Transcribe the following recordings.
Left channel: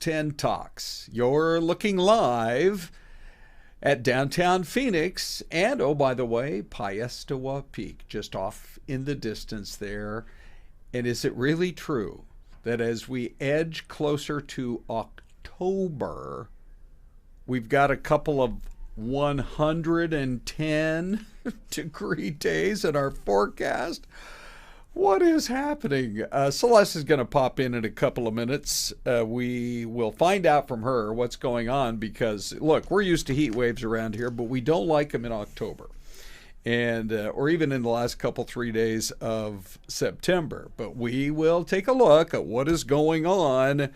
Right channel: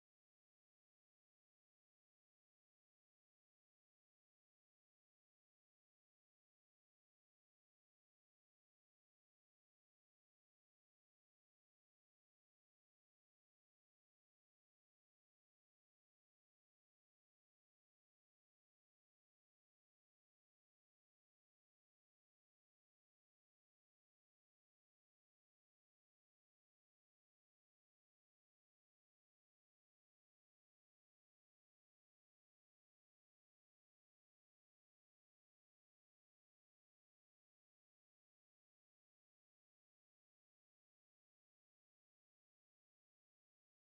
10 Talks. You're looking live at downtown Phoenix and, oh, by the way, Piestewa Peak, just off in the distance there. And is it really true that as we edge closer to October, we've got a couple of 110 degree days in our forecast? What is happening? Celeste is going to pop in a couple of minutes. We will find out from her what's going on because, look, we're used to heat waves around here, but we don't like them in October and or even in the last couple, 3 days of September. But we will take a look at what is going on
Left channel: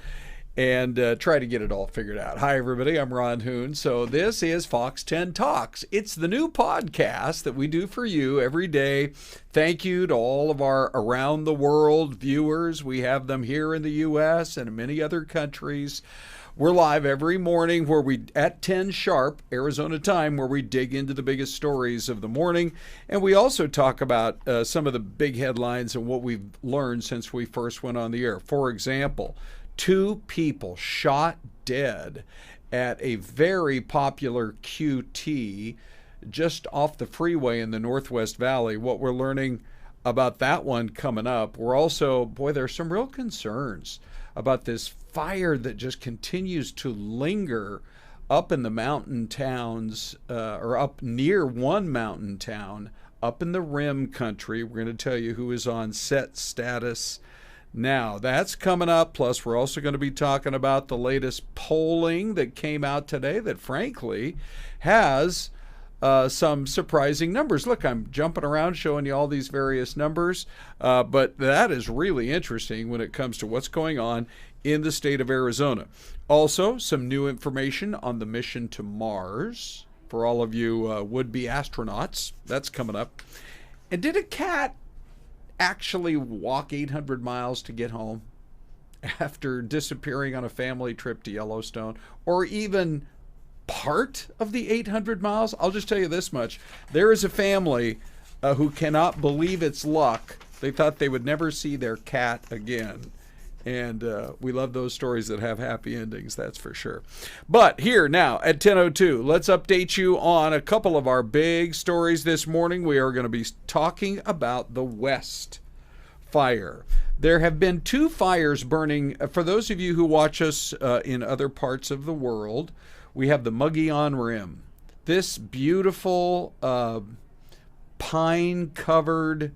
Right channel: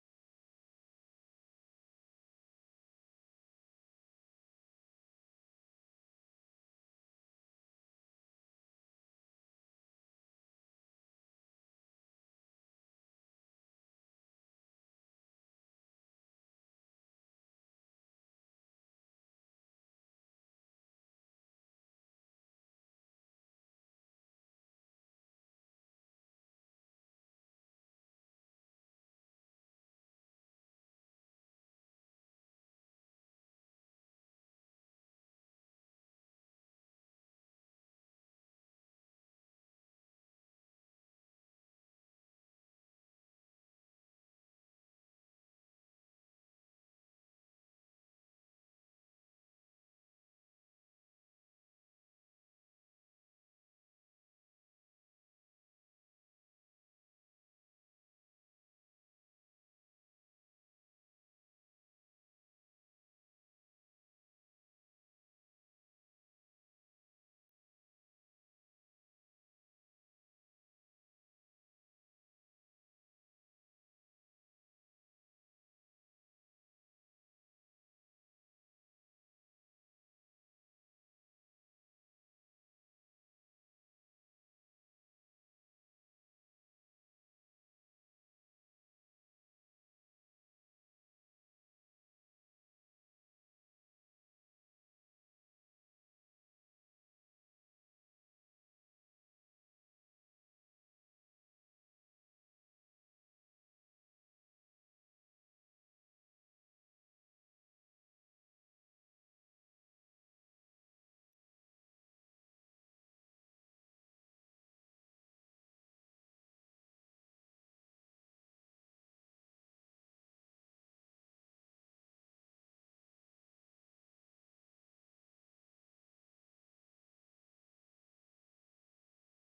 and try to get it all figured out. Hi, everybody. I'm Ron Hoon. So this is Fox 10 Talks. It's the new podcast that we do for you every day. Thank you to all of our around the world viewers. We have them here in the U.S. and in many other countries. We're live every morning at 10 sharp, Arizona time, where we dig into the biggest stories of the morning. And we also talk about some of the big headlines and what we've learned since we first went on the air. For example, 2 people shot dead at a very popular QT just off the freeway in the Northwest Valley. What we're learning about that one coming up. We're also, there's some real concerns about this fire that just continues to linger up in the mountain towns, or up near one mountain town, up in the Rim country. We're going to tell you who is on set status now. That's coming up. Plus, we're also going to be talking about the latest polling that came out today that, frankly, has some surprising numbers. Look, I'm jumping around showing you all these various numbers, but that is really interesting when it comes to what's going on in the state of Arizona. Also, some new information on the mission to Mars for all of you would-be astronauts. That's coming up. And did a cat actually walk 800 miles to get home after disappearing on a family trip to Yellowstone, or even part of the 800 miles? I'll just tell you this much. There is a family who cannot believe it's luck. They thought they would never see their cat again. And we love those stories that have happy endings, that's for sure. But here now at 10:02, let's update you on a couple of our big stories this morning. We are going to be talking about the West fire. There have been 2 fires burning. For those of you who watch us in other parts of the world, we have the Mogollon Rim. This beautiful pine-covered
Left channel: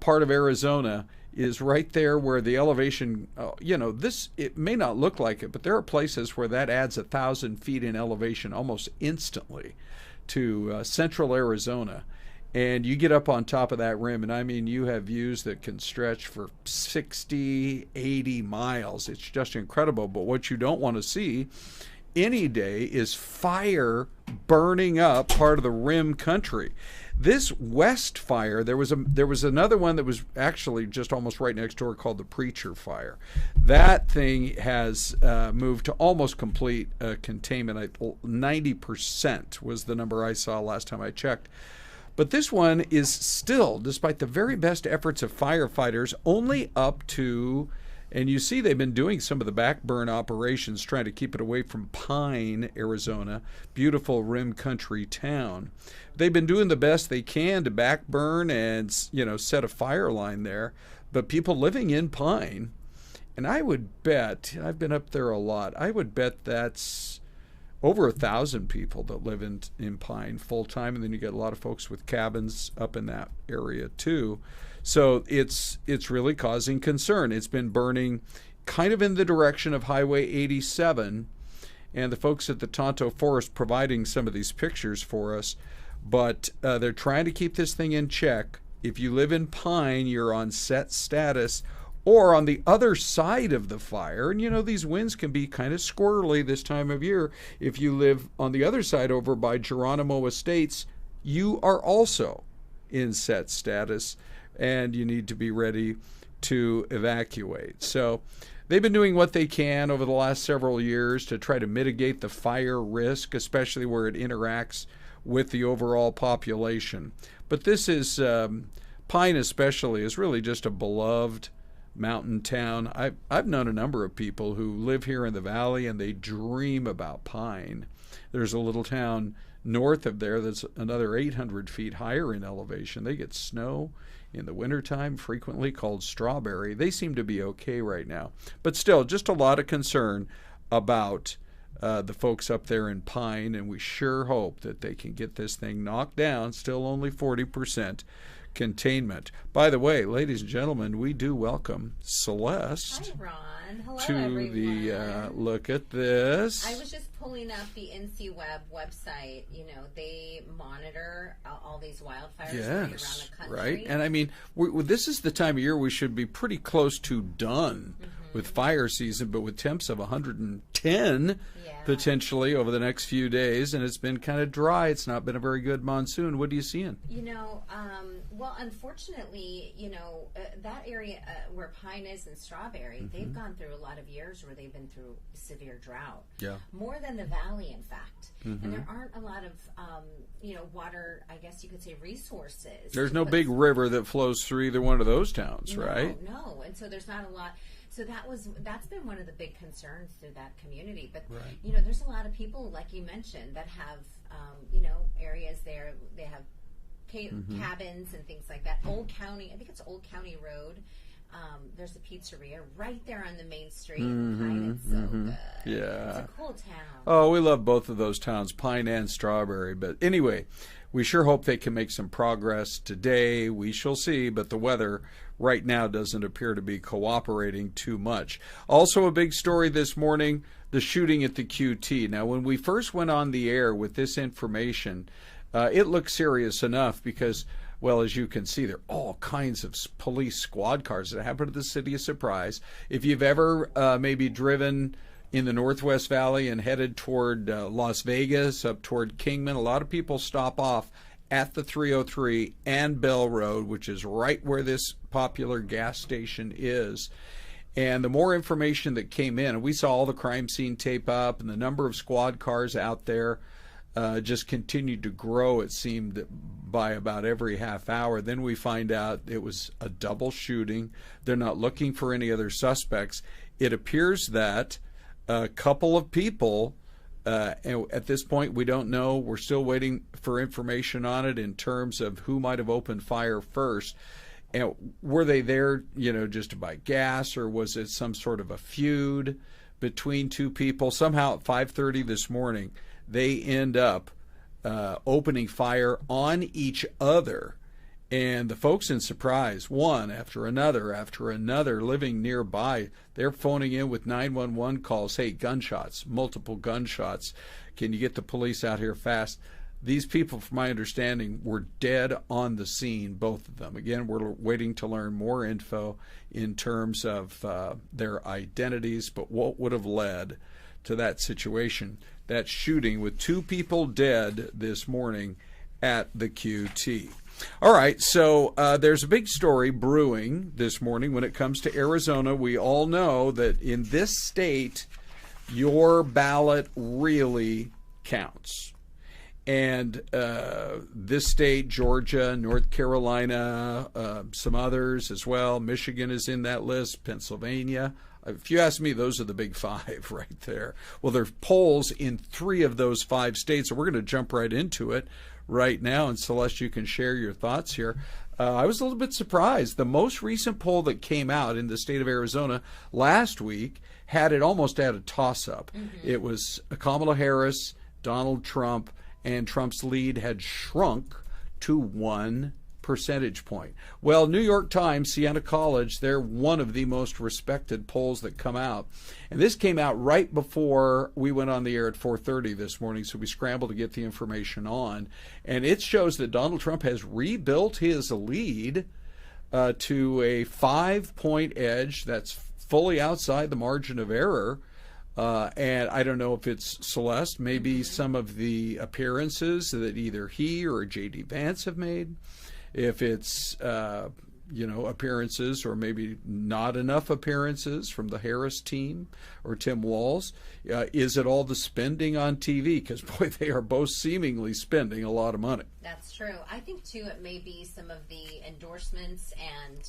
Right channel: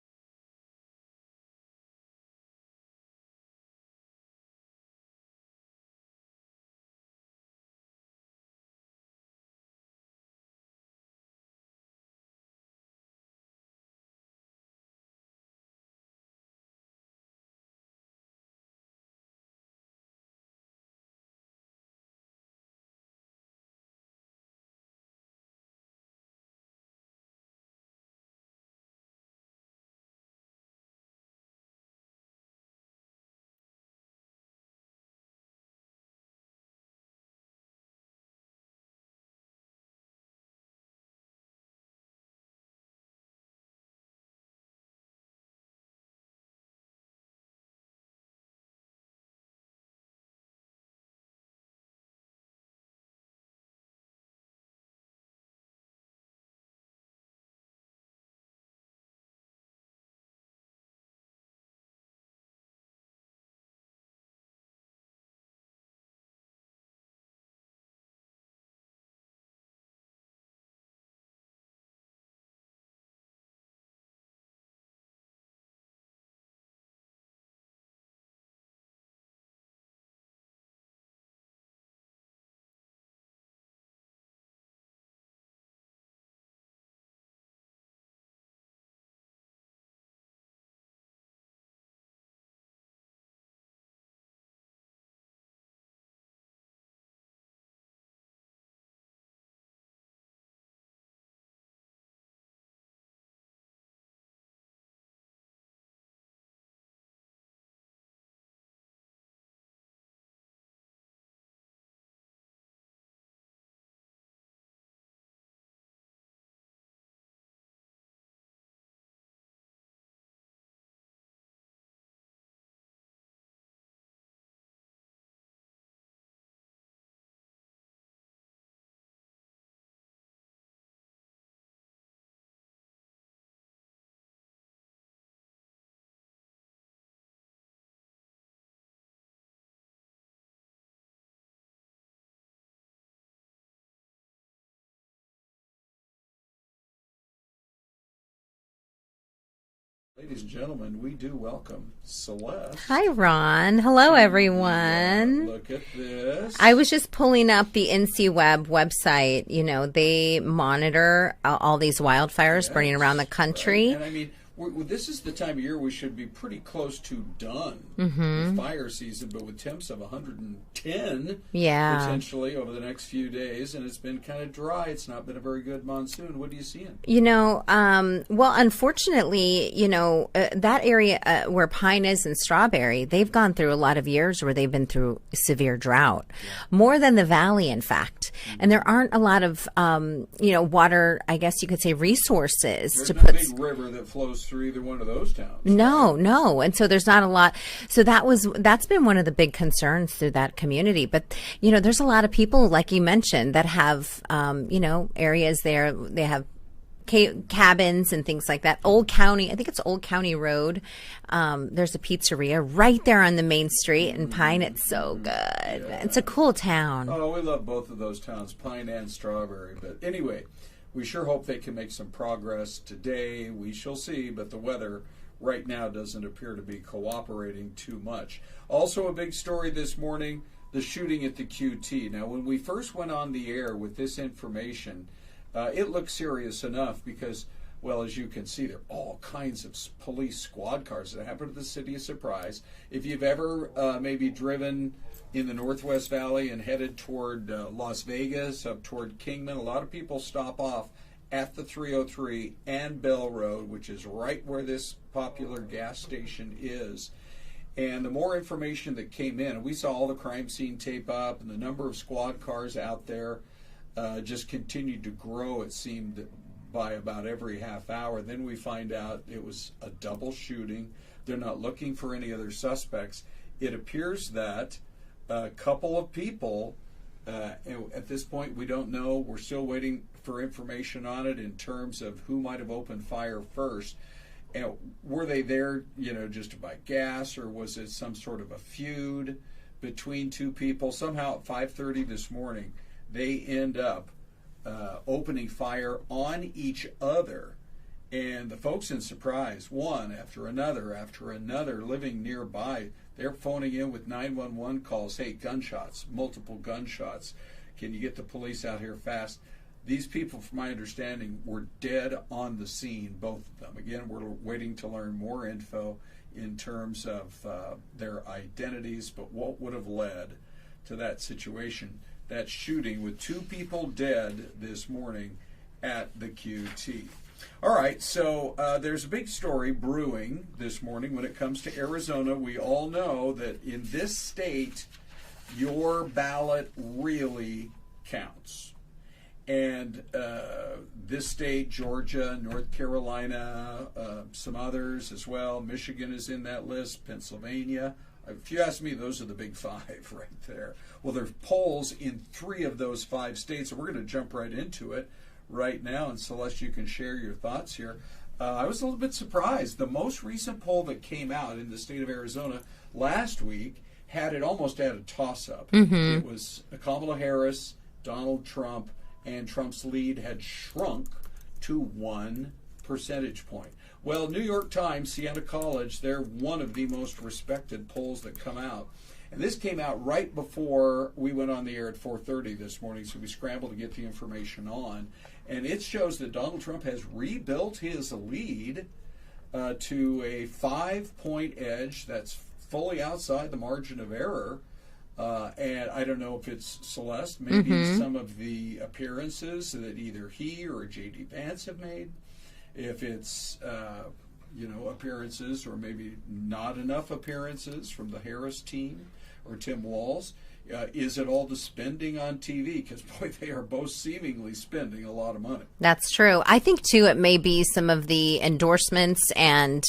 part of Arizona is right there where the elevation, it may not look like it, but there are places where that adds 1,000 feet in elevation almost instantly to central Arizona. And you get up on top of that rim, and I mean, you have views that can stretch for 60, 80 miles. It's just incredible. But what you don't want to see any day is fire burning up part of the rim country. This West fire, there was another one that was actually just almost right next door called the Preacher Fire. That thing has moved to almost complete containment. 90% was the number I saw last time I checked. But this one is still, despite the very best efforts of firefighters, only up to, and you see they've been doing some of the backburn operations trying to keep it away from Pine, Arizona, beautiful rim country town. They've been doing the best they can to backburn and, set a fire line there. But people living in Pine, and I would bet, I've been up there a lot, I would bet that's over 1,000 people that live in Pine full time. And then you get a lot of folks with cabins up in that area too. So it's really causing concern. It's been burning kind of in the direction of Highway 87, and the folks at the Tonto Forest providing some of these pictures for us. But they're trying to keep this thing in check. If you live in Pine, you're on set status, or on the other side of the fire. And these winds can be kind of squirrely this time of year. If you live on the other side over by Geronimo Estates, you are also in set status, and you need to be ready to evacuate. So they've been doing what they can over the last several years to try to mitigate the fire risk, especially where it interacts with the overall population. But this is, Pine especially, is really just a beloved mountain town. I've known a number of people who live here in the valley and they dream about pine. There's a little town north of there that's another 800 feet higher in elevation. They get snow in the wintertime, frequently, called Strawberry. They seem to be okay right now. But still, just a lot of concern about the folks up there in Pine, and we sure hope that they can get this thing knocked down. Still only 40% containment. By the way, ladies and gentlemen, we do welcome Celeste. Hi, Ron. Hello, everyone. Look at this. I was just pulling up the NCWeb website. You know, they monitor all these wildfires burning around the country. Right. And I mean, this is the time of year we should be pretty close to done with fire season, but with temps of 110 potentially over the next few days, and it's been kind of dry. It's not been a very good monsoon. What are you seeing? You know, well, unfortunately, you know, that area where Pine is and Strawberry, they've gone through a lot of years where they've been through severe drought, more than the valley, in fact. And there aren't a lot of, you know, water, I guess you could say, resources. There's no big river that flows through either one of those towns. No. And so there's not a lot. So that's been one of the big concerns through that community. But, you know, there's a lot of people, like you mentioned, that have, you know, areas there. They have cabins and things like that. Old County, I think it's Old County Road. There's a pizzeria right there on the main street in Pine. It's so good. It's a cool town. Oh, we love both of those towns, Pine and Strawberry. But anyway, we sure hope they can make some progress today. We shall see, but the weather right now doesn't appear to be cooperating too much. Also, a big story this morning, the shooting at the QT. Now, when we first went on the air with this information, it looked serious enough because, well, as you can see, there are all kinds of police squad cars that happen at the City of Surprise. If you've ever maybe driven in the Northwest Valley and headed toward Las Vegas, up toward Kingman, a lot of people stop off at the 303 and Bell Road, which is right where this popular gas station is. And the more information that came in, and we saw all the crime scene tape up, and the number of squad cars out there just continued to grow, it seemed, by about every half hour. Then we find out it was a double shooting. They're not looking for any other suspects. It appears that a couple of people, and at this point we don't know, we're still waiting for information on it in terms of who might have opened fire first. And were they there, you know, just to buy gas, or was it some sort of a feud between two people? Somehow at 5:30 this morning, they end up opening fire on each other. And the folks in Surprise, one after another, living nearby, they're phoning in with 911 calls. Hey, gunshots, multiple gunshots. Can you get the police out here fast? These people, from my understanding, were dead on the scene, both of them. Again, we're waiting to learn more info in terms of their identities, but what would have led to that situation, that shooting with two people dead this morning at the QT. All right, so there's a big story brewing this morning when it comes to Arizona. We all know that in this state, your ballot really counts. And this state, Georgia, North Carolina, some others as well. Michigan is in that list, Pennsylvania. If you ask me, those are the big five right there. Well, there's polls in 3 of those 5 states, so we're going to jump right into it right now. And Celeste, you can share your thoughts here. I was a little bit surprised. The most recent poll that came out in the state of Arizona last week had it almost at a toss-up. It was Kamala Harris, Donald Trump, and Trump's lead had shrunk to 1 percentage point. Well, New York Times, Siena College, they're one of the most respected polls that come out. And this came out right before we went on the air at 4:30 this morning, so we scrambled to get the information on. And it shows that Donald Trump has rebuilt his lead to a 5-point edge that's fully outside the margin of error. And I don't know if it's Celeste, maybe some of the appearances that either he or J.D. Vance have made. If it's, appearances or maybe not enough appearances from the Harris team or Tim Walz. Is it all the spending on TV? Because, boy, they are both seemingly spending a lot of money. That's true. I think, too, it may be some of the endorsements and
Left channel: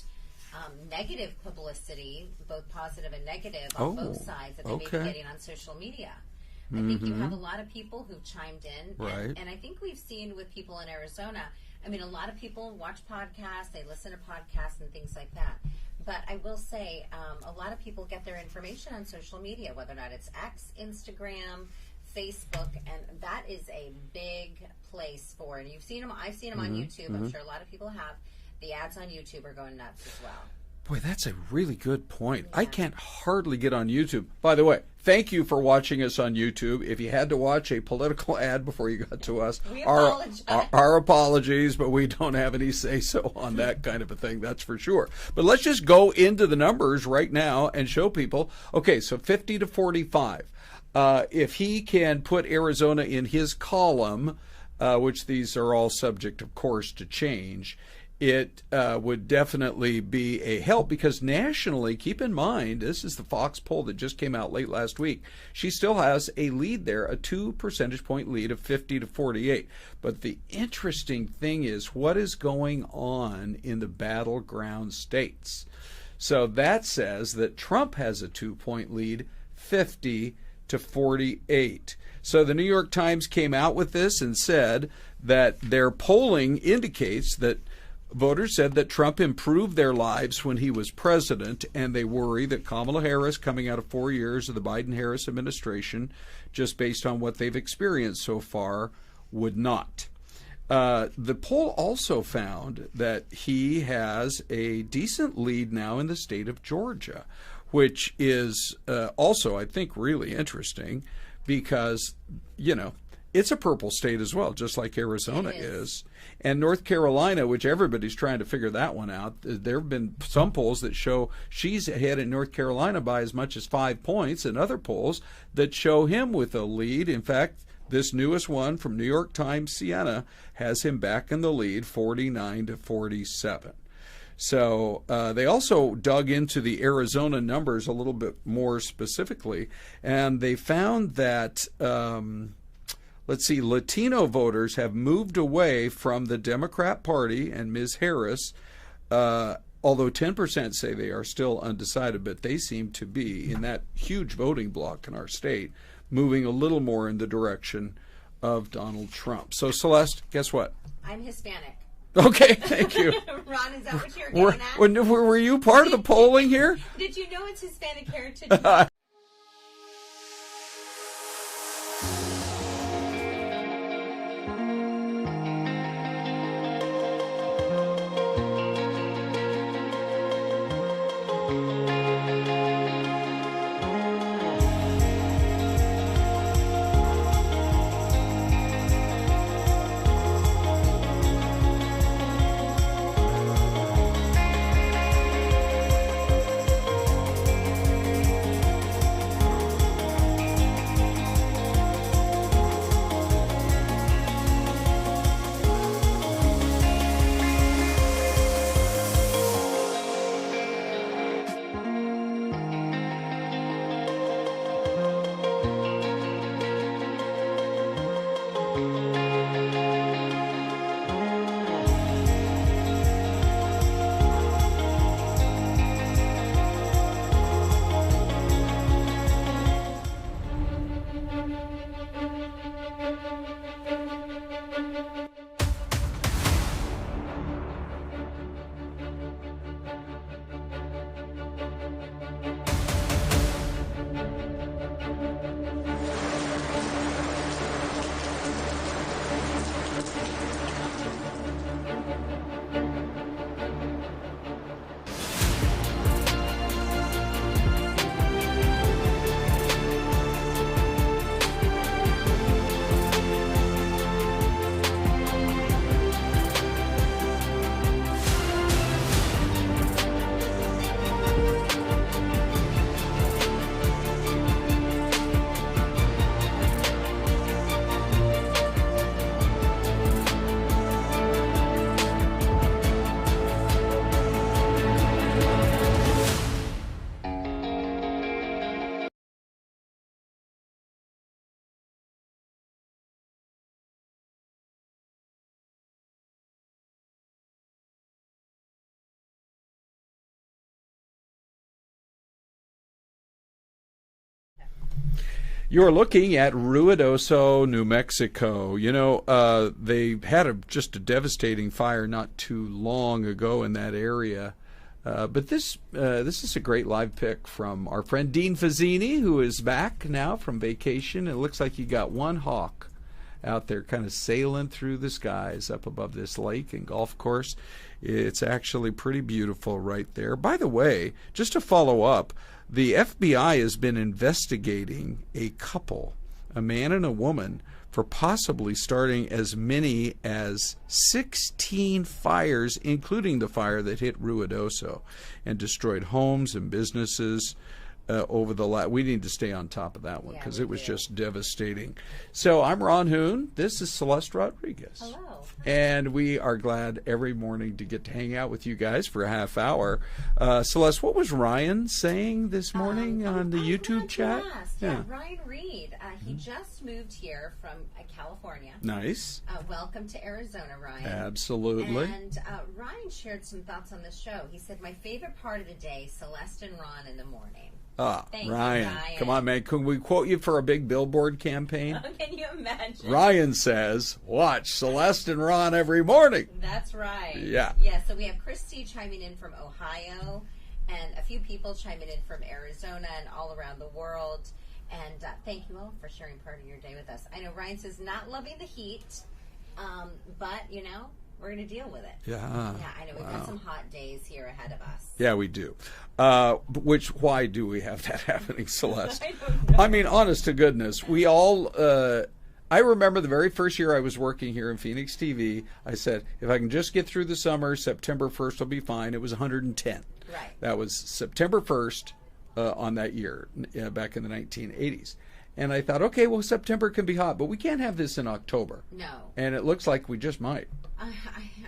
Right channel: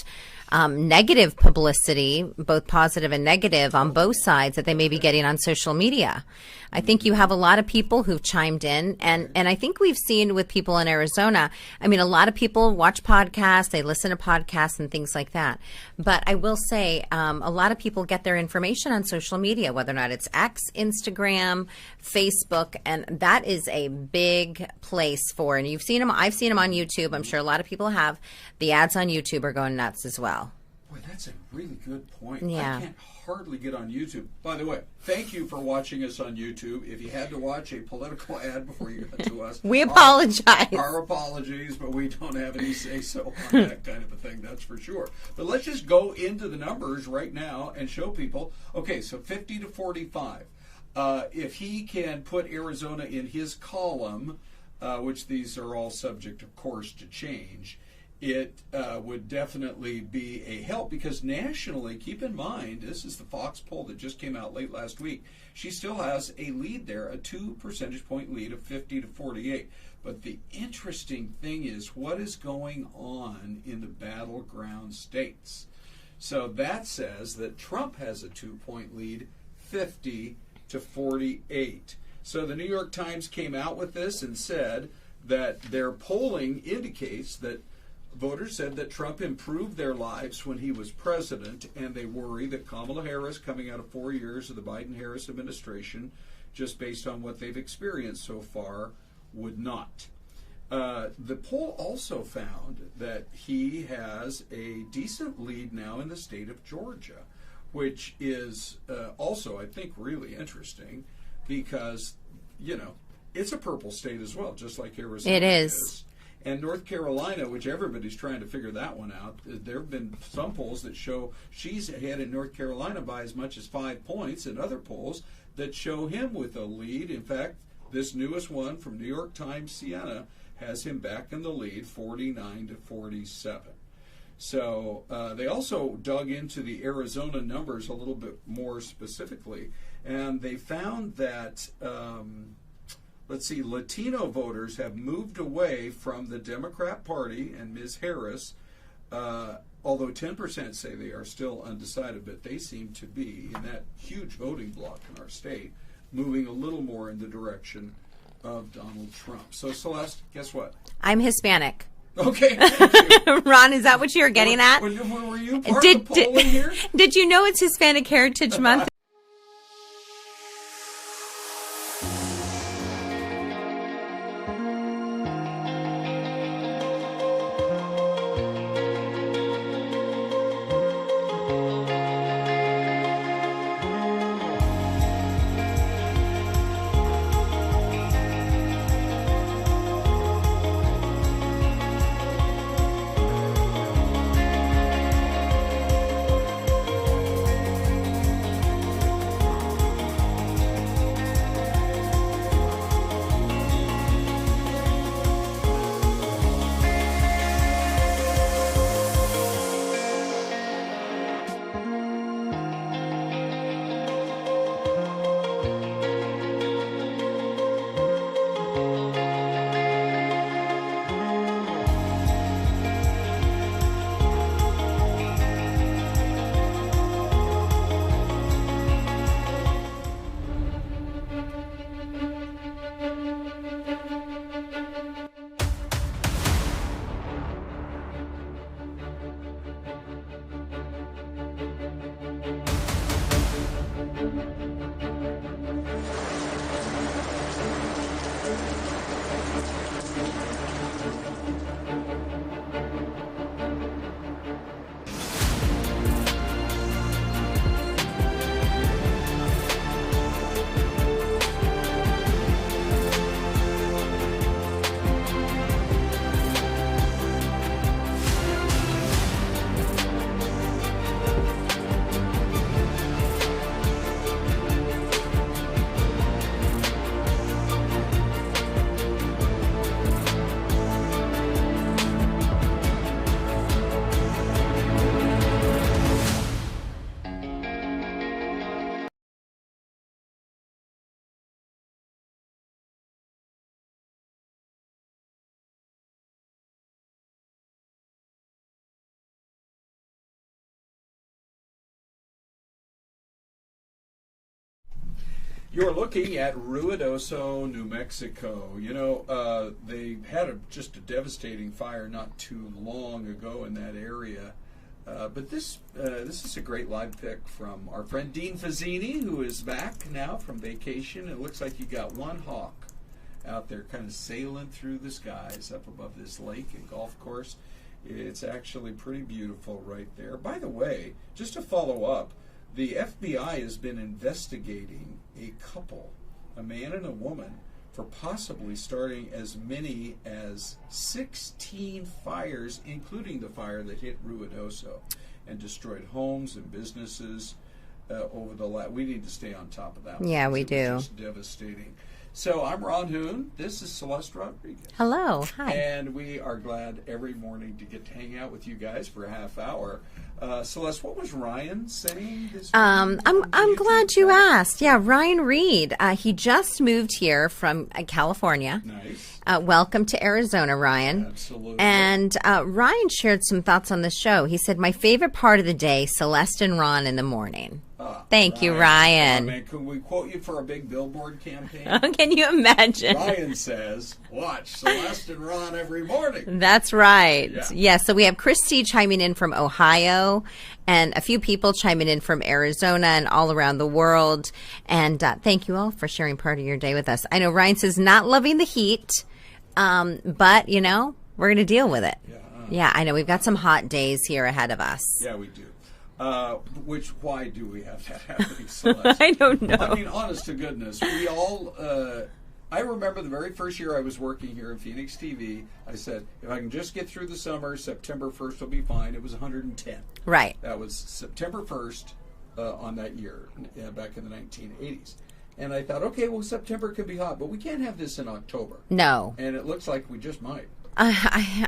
negative publicity, both positive and negative, on both sides that they may be getting on social media. I think you have a lot of people who've chimed in, and I think we've seen with people in Arizona, I mean, a lot of people watch podcasts, they listen to podcasts and things like that. But I will say a lot of people get their information on social media, whether or not it's X, Instagram, Facebook, and that is a big place for, and you've seen them, I've seen them on YouTube, I'm sure a lot of people have. The ads on YouTube are going nuts as well. Boy, that's a really good point. Yeah. I can't hardly get on YouTube. By the way, thank you for watching us on YouTube. If you had to watch a political ad before you got to us, we apologize. Our apologies, but we don't have any say-so on that kind of a thing, that's for sure. But let's just go into the numbers right now and show people. Okay, so 50 to 45. If he can put Arizona in his column, which these are all subject, of course, to change, it would definitely be a help, because nationally, keep in mind, this is the Fox poll that just came out late last week. She still has a lead there, a 2 percentage point lead of 50 to 48. But the interesting thing is what is going on in the battleground states. So that says that Trump has a 2-point lead, 50 to 48. So the New York Times came out with this and said that their polling indicates that voters said that Trump improved their lives when he was president, and they worry that Kamala Harris, coming out of 4 years of the Biden-Harris administration, just based on what they've experienced so far, would not. The poll also found that he has a decent lead now in the state of Georgia, which is also, I think, really interesting because, you know, it's a purple state as well, just like Arizona is. And North Carolina, which everybody's trying to figure that one out, there have been some polls that show she's ahead in North Carolina by as much as 5 points, and other polls that show him with a lead. In fact, this newest one from New York Times Siena has him back in the lead, 49 to 47. So they also dug into the Arizona numbers a little bit more specifically, and they found that let's see, Latino voters have moved away from the Democrat Party and Ms. Harris, although 10% say they are still undecided, but they seem to be, in that huge voting bloc in our state, moving a little more in the direction of Donald Trump. So, Celeste, guess what? I'm Hispanic. Okay, thank you. Ron, is that what you're getting at? Were you part of the polling here? Did you know it's Hispanic Heritage Month? You're looking at Ruidoso, New Mexico. You know, they had just a devastating fire not too long ago in that area. But this is a great live pick from our friend Dean Fazzini, who is back now from vacation. It looks like you got one hawk out there kind of sailing through the skies up above this lake and golf course. It's actually pretty beautiful right there. By the way, just to follow up, the FBI has been investigating a couple, a man and a woman, for possibly starting as many as 16 fires, including the fire that hit Ruidoso and destroyed homes and businesses over the last. We need to stay on top of that one. Yeah, we do. It was just devastating. So I'm Ron Hoon. This is Celeste Rodriguez. Hello. Hi. And we are glad every morning to get to hang out with you guys for a half hour. Celeste, what was Ryan saying this morning? I'm glad you asked. Yeah, Ryan Reed. He just moved here from California. Nice. Welcome to Arizona, Ryan. Absolutely. And Ryan shared some thoughts on the show. He said, my favorite part of the day, Celeste and Ron in the morning. Thank you, Ryan. Come on, man. Can we quote you for a big billboard campaign? Can you imagine? Ryan says, watch Celeste and Ron every morning. That's right. Yeah. So we have Christy chiming in from Ohio and a few people chiming in from Arizona and all around the world. And thank you all for sharing part of your day with us. I know Ryan says not loving the heat, but, you know, we're going to deal with it. Yeah, I know. We've got some hot days here ahead of us. Yeah, we do. Why do we have that happening, Celeste? I don't know. I mean, honest to goodness, we all, I remember the very first year I was working here in Phoenix TV, I said, if I can just get through the summer, September 1st will be fine. It was 110. Right. That was September 1st on that year, back in the 1980s. And I thought, okay, well, September can be hot, but we can't have this in October. No. And it looks like we just might.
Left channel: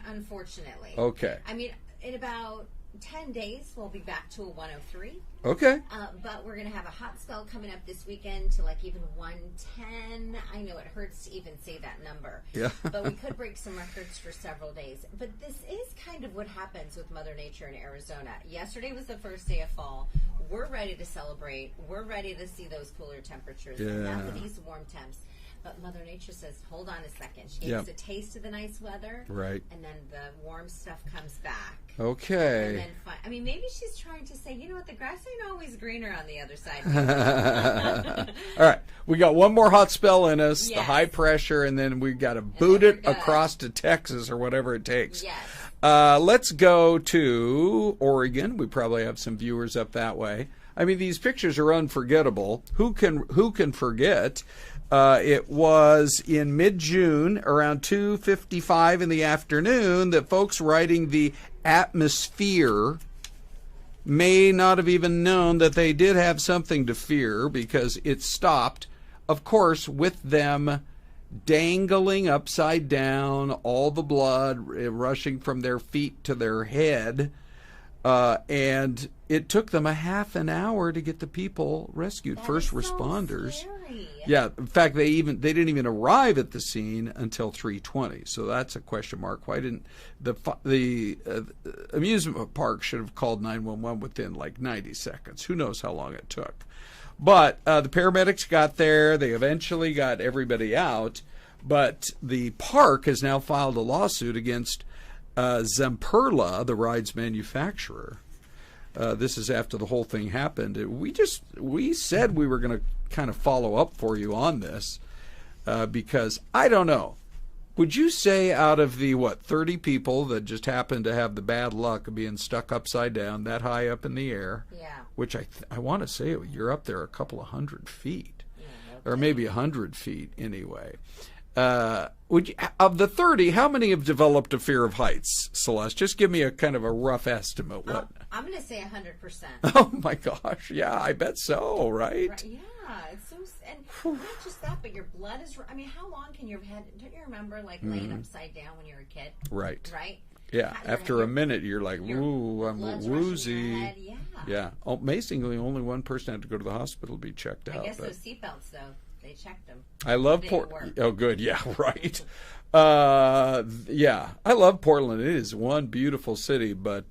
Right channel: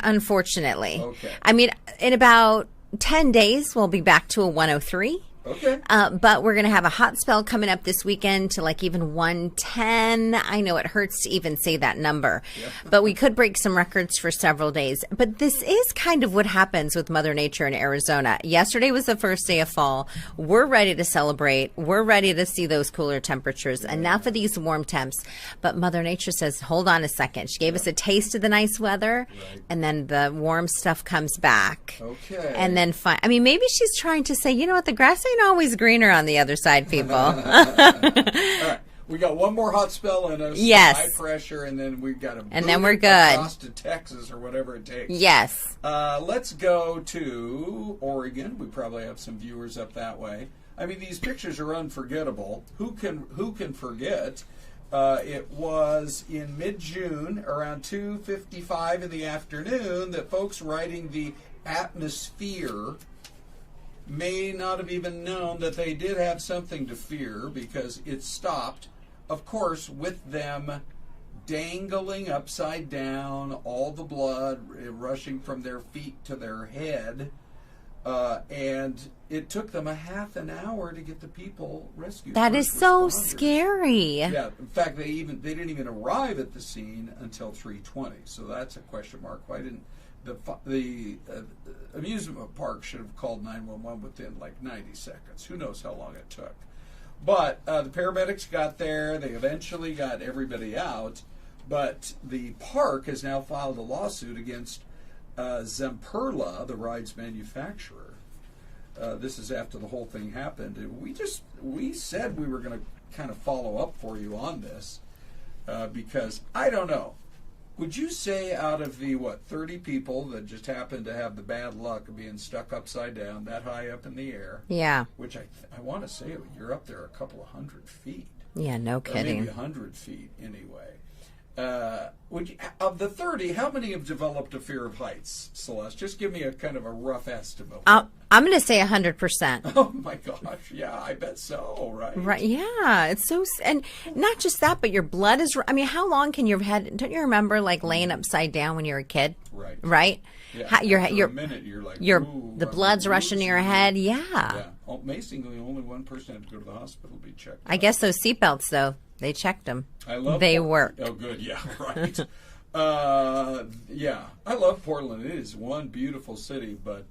Unfortunately. Okay. I mean, in about 10 days, we'll be back to a 103. Okay. But we're going to have a hot spell coming up this weekend to like even 110. I know it hurts to even say that number. Yeah. But we could break some records for several days. But this is kind of what happens with Mother Nature in Arizona. Yesterday was the first day of fall. We're ready to celebrate. We're ready to see those cooler temperatures. Yeah. Enough of these warm temps. But Mother Nature says, hold on a second. She gave us a taste of the nice weather. Right. And then the warm stuff comes back. Okay. And then, I mean, maybe she's trying to say, you know what, the grass ain't always greener on the other side, people. All right. We got one more hot spell in us. Yes. High pressure, and then we've got to boot then we're it good. across to Texas or whatever it takes. Yes. Let's go to Oregon. We probably have some viewers up that way. I mean, these pictures are unforgettable. Who can forget? It was in mid-June, around 2:55 in the afternoon, that folks riding the atmosphere may not have even known that they did have something to fear, because it stopped, of course, with them dangling upside down, all the blood rushing from their feet to their head, and it took them a half an hour to get the people rescued. That is so responders. scary. Yeah, in fact, they didn't even arrive at the scene until 3:20. So that's a question mark. Why didn't the amusement park should have called 911 within like 90 seconds? Who knows how long it took? But the paramedics got there. They eventually got everybody out. But the park has now filed a lawsuit against Zamperla, the ride's manufacturer. This is after the whole thing happened. We said we were going to kind of follow up for you on this because I don't know. Would you say out of the 30 people that just happened to have the bad luck of being stuck upside down that high up in the air? Yeah. Which I want to say you're up there a couple of 100 feet. Yeah, no kidding. Or maybe 100 feet anyway. Of the 30, how many have developed a fear of heights, Celeste? Just give me a kind of a rough estimate. I'm going to say 100%. Oh my gosh, yeah, I bet so, right? Right, yeah, it's so, and not just that, but your blood is, I mean, how long can your head, don't you remember like laying upside down when you were a kid? Right. Right? Yeah, after a minute, you're like, ooh, the blood's rushing to your head, yeah. Yeah, amazingly, only one person had to go to the hospital to be checked out. I guess those seatbelts, though, they checked them. They worked. Oh, good, yeah, right. Yeah, I love Portland. It is one beautiful city, but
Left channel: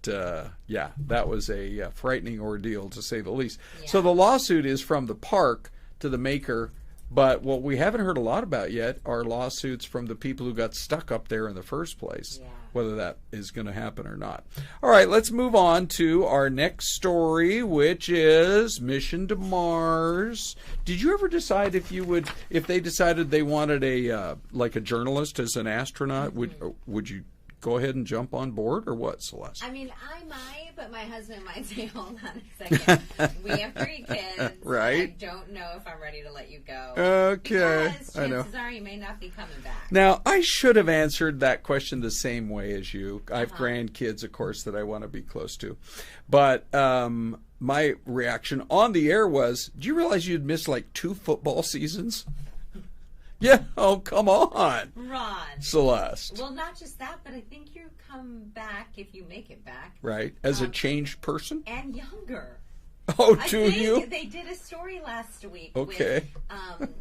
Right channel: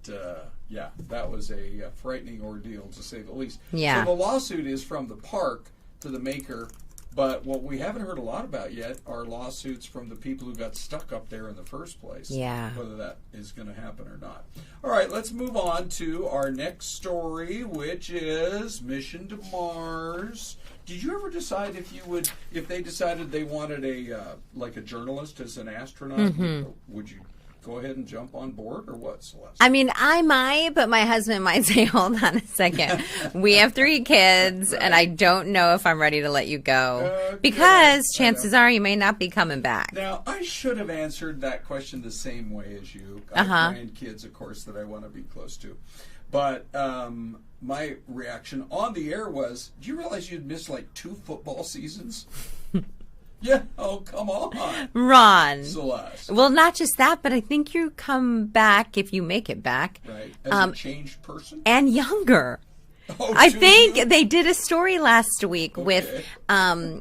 yeah, that was a frightening ordeal to say the least. Yeah. So the lawsuit is from the park to the maker. But what we haven't heard a lot about yet are lawsuits from the people who got stuck up there in the first place. Yeah. Whether that is going to happen or not. All right, let's move on to our next story, which is Mission to Mars. Did you ever decide if they decided they wanted a journalist as an astronaut, would you go ahead and jump on board, or what, Celeste? I mean, I might, but my husband might say, hold on a second. We have 3 kids, Right. and I don't know if I'm ready to let you go. Okay. Because chances are you may not be coming back. Now, I should have answered that question the same way as you. I have grandkids, of course, that I want to be close to. But my reaction on the air was, do you realize you'd missed like 2 football seasons? Yeah. Oh, come on. Ron. Celeste. Well, not just that, but I think you come back, if you make it back. Right. As a changed person? And younger. Oh, I do think you? they did a story last week with, Okay.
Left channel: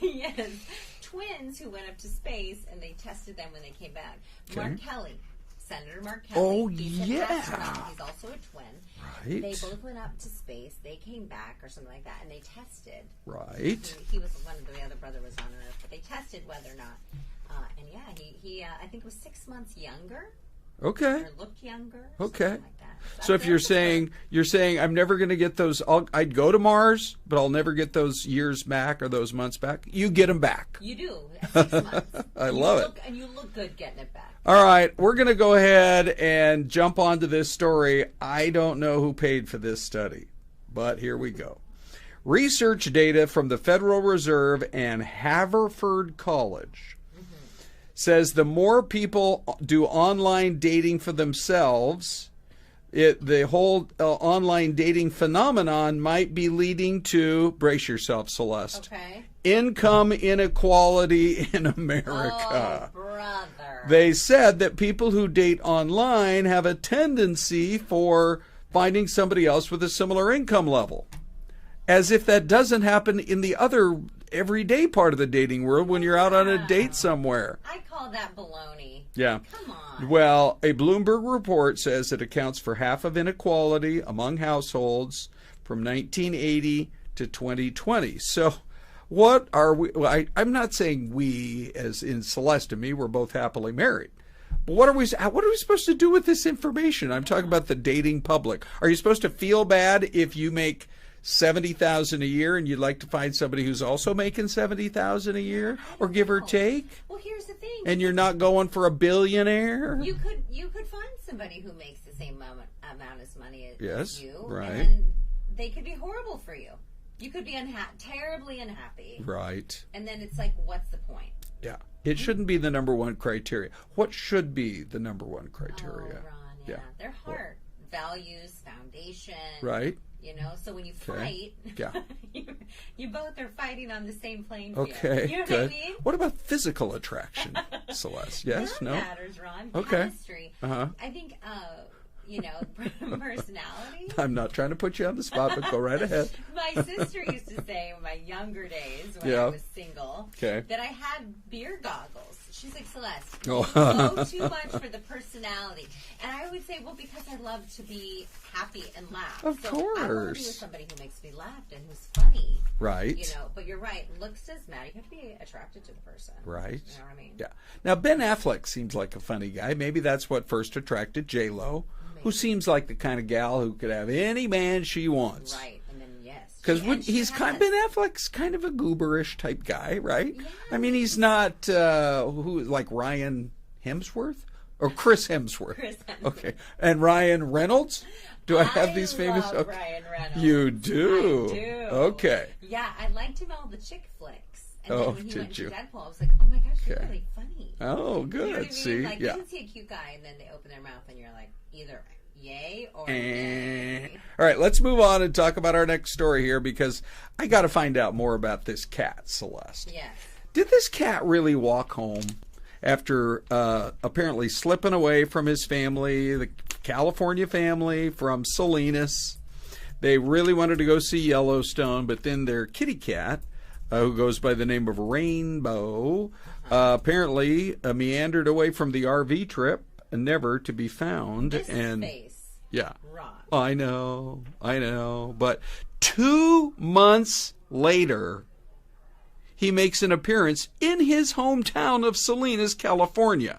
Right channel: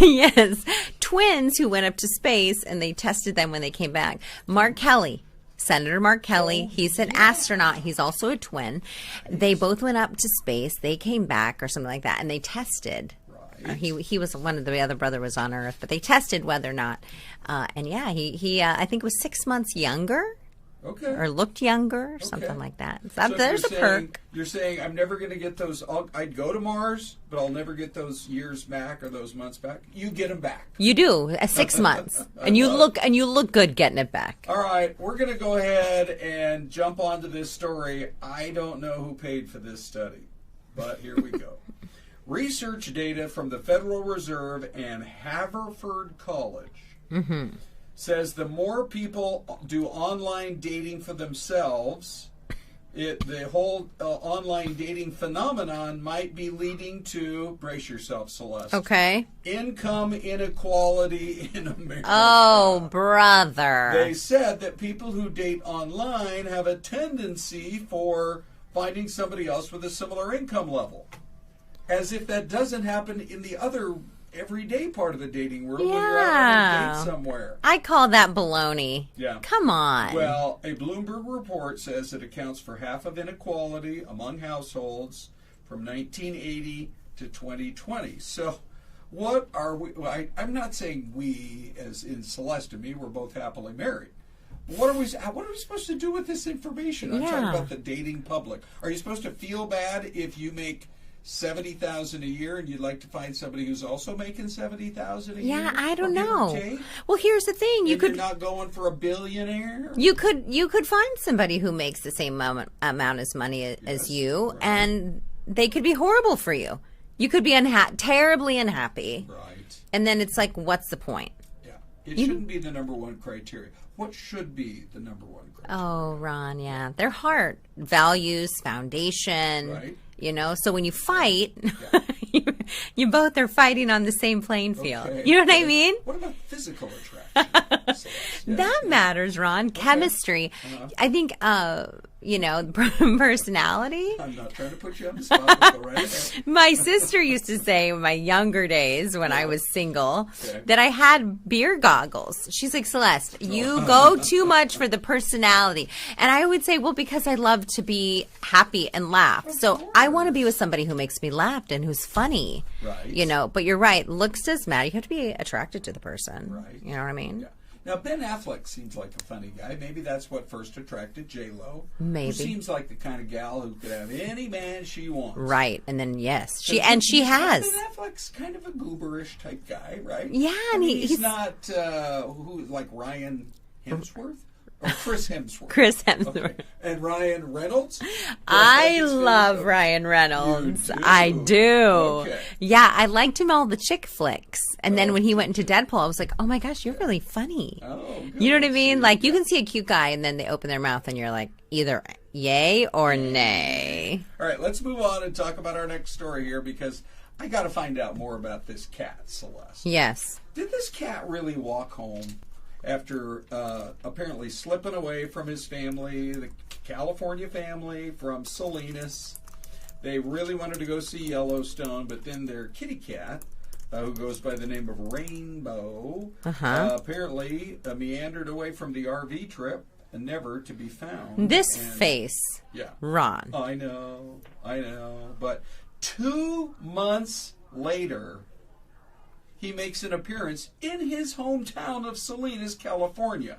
yes, twins who went up to space, and they tested them when they came back. Mark Kelly. Senator Mark Kelly, Oh, he's an astronaut. He's also a twin. Right. They both went up to space. They came back or something like that, and they tested. Right. He was one of the other brother was on Earth, but they tested whether or not. And yeah, he I think was 6 months younger. Okay. Or looked younger, or Okay. something like that. So if There's a perk. you're saying I'm never going to get those, I'd go to Mars, but I'll never get those years back or those months back. You get them back. You do 6 months, and you look good getting it back. All right, we're going to go ahead and jump onto this story. I don't know who paid for this study, but here we go. Research data from the Federal Reserve and Haverford College says the more people do online dating for themselves, the whole online dating phenomenon might be leading to, brace yourself, Celeste. Okay. Income inequality in America. Oh, brother. They said that people who date online have a tendency for finding somebody else with a similar income level. As if that doesn't happen in the other everyday part of the dating world when you're out on a date somewhere. I call that baloney. Yeah. Come on. Well, a Bloomberg report says it accounts for half of inequality among households from 1980 to 2020. So what are we? Well, I'm not saying we, as in Celeste and me, we're both happily married. But what are we supposed to do with this information? I'm talking about the dating public. Are you supposed to feel bad if you make $70,000 a year and you'd like to find somebody who's also making $70,000 a year? Yeah, I don't or know. Give or take? Well, here's the thing. You're not going for a billionaire? You could find somebody who makes the same amount as money as you, right. and they could be horrible for you. You could be terribly unhappy. Right. And then it's like, what's the point? Yeah. It shouldn't be the number one criteria. What should be the number one criteria? Oh, Ron, yeah. Their heart, values, foundation. Right. You know, so when you fight, Yeah. you both are fighting on the same playing field. Okay. You know what I Okay. mean? What about physical attraction, Celeste? Yes? That No? matters, Ron. Chemistry. I think, personality. I'm not trying to put you on the spot, but go right ahead. My sister used to say in my younger days when I Yeah. was single Okay. that I had beer goggles. She's like, Celeste, you go too much for the personality. And I would say, well, because I love to be happy and laugh. So I want to be course. with somebody who makes me laugh and who's funny. Right. You know, but you're right. Looks does matter. You have to be attracted to the person. Right. You know what I mean? Yeah. Now, Ben Affleck seems like a funny guy. Maybe that's what first attracted J-Lo, Maybe. who seems like the kind of gal who could have any man she wants. Right. And then, yes. 'Cause She has. Ben Affleck's kind of a gooberish type guy, right? Yeah, I mean, he's- he's not like Ryan Hemsworth or Chris Hemsworth. Chris Hemsworth. Okay. And Ryan Reynolds. Do have I these famous- love Ryan Reynolds. You do? I do. Okay. Yeah, I liked him all the chick flicks. And then Oh, when he did went into you? Deadpool, I was like, oh my gosh, you're really funny. Oh, good. You know what I mean? See? Like, you Yeah. can see a cute guy and then they open their mouth and you're like, either yay or nay. All right, let's move on and talk about our next story here because I got to find out more about this cat, Celeste. Yes. Did this cat really walk home after apparently slipping away from his family, the California family from Salinas? They really wanted to go see Yellowstone, but then their kitty cat, who goes by the name of Rainbow, apparently meandered away from the RV trip, never to be found. This And- face, Yeah. Ron. I know. But 2 months later, he makes an appearance in his hometown of Salinas, California.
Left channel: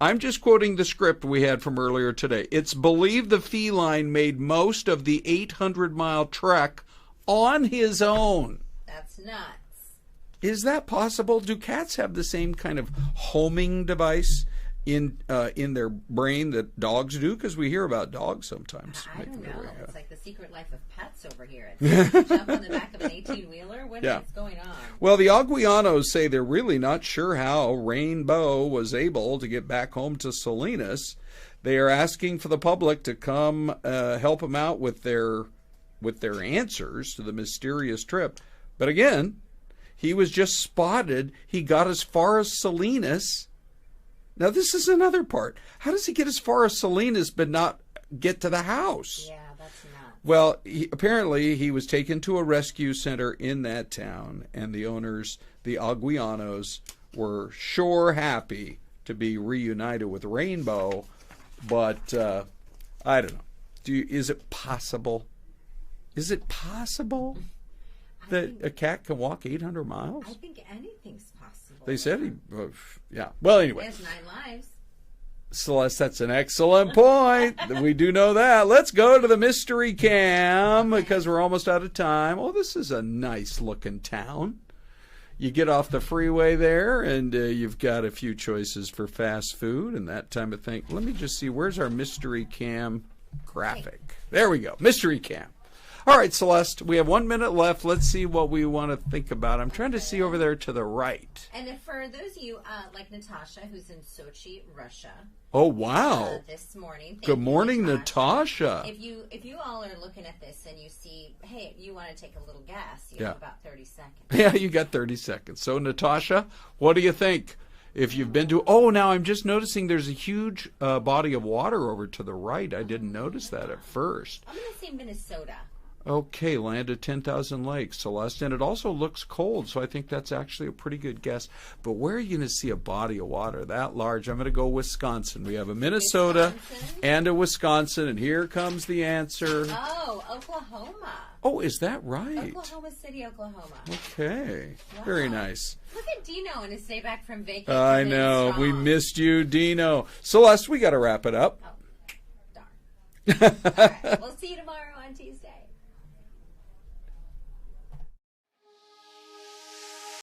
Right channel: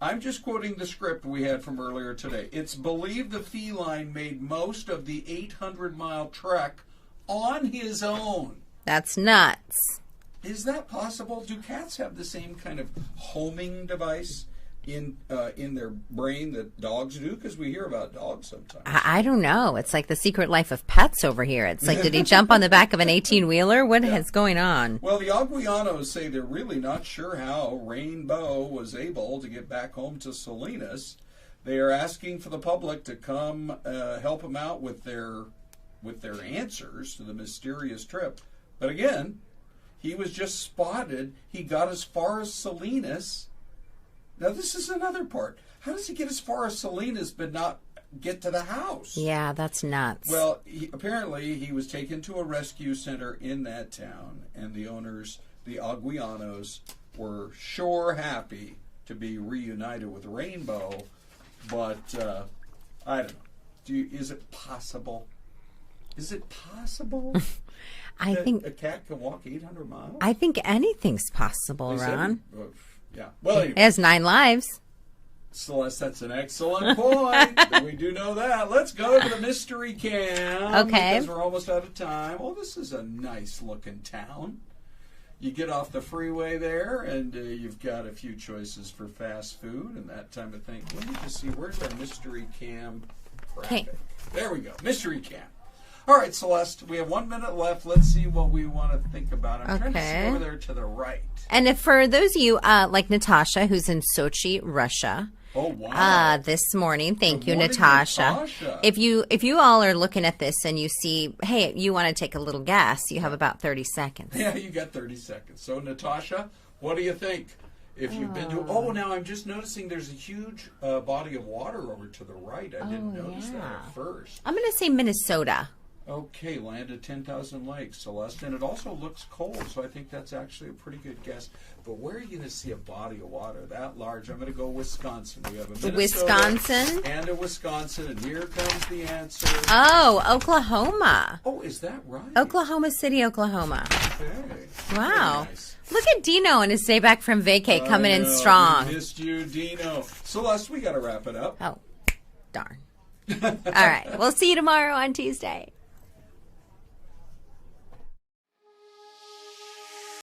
I'm just quoting the script we had from earlier today. It's believed the feline made most of the 800-mile trek on his own. That's nuts. Is that possible? Do cats have the same kind of homing device in their brain that dogs do? Because we hear about dogs sometimes. I don't know. It's like the secret life of pets over here. It's like, did he jump on the back of an 18-wheeler? What is going on? Well, the Aguianos say they're really not sure how Rainbow was able to get back home to Salinas. They are asking for the public to come help them out with their answers to the mysterious trip. But again, he was just spotted. He got as far as Salinas. Now, this is another part. How does he get as far as Salinas but not get to the house? Yeah, that's nuts. Well, apparently he was taken to a rescue center in that town, and the owners, the Aguianos, were sure happy to be reunited with Rainbow. But I don't know. Is it possible? Is it possible that a cat can walk 800 miles? I think anything's possible, Ron. Yeah. Well, anyway. It has 9 lives. Celeste, that's an excellent point. We do know that. Let's go to the mystery cam because we're almost out of time. Oh, this is a nice looking town. You get off the freeway there, and you've got a few choices for fast food and that time of thing. Let me just see. Where's our mystery cam graphic? Okay. There we go. Mystery cam. All right, Celeste, we have 1 minute left. Let's see what we want to think about. I'm trying to see over there to the right. And if for those of you like Natasha, who's in Sochi, Russia. Oh, wow. This morning. Thank you, morning, Natasha. If you all are looking at this and you see, hey, you want to take a little guess, you have about 30 seconds. Yeah, you got 30 seconds. So, Natasha, what do you think? If you've been to... now I'm just noticing there's a huge body of water over to the right. I didn't notice that at first. I'm going to say Minnesota. Okay, land of 10,000 lakes, Celeste. And it also looks cold, so I think that's actually a pretty good guess. But where are you going to see a body of water that large? I'm going to go Wisconsin. We have a Minnesota and a Wisconsin, and here comes the answer. Oh, Oklahoma. Oh, is that right? Oklahoma City, Oklahoma. Okay. Wow. Very nice. Look at Dino and his day back from vacay coming in strong. We missed you, Dino. Celeste, we got to wrap it up. Oh, darn. All right. We'll see you tomorrow on Tuesday.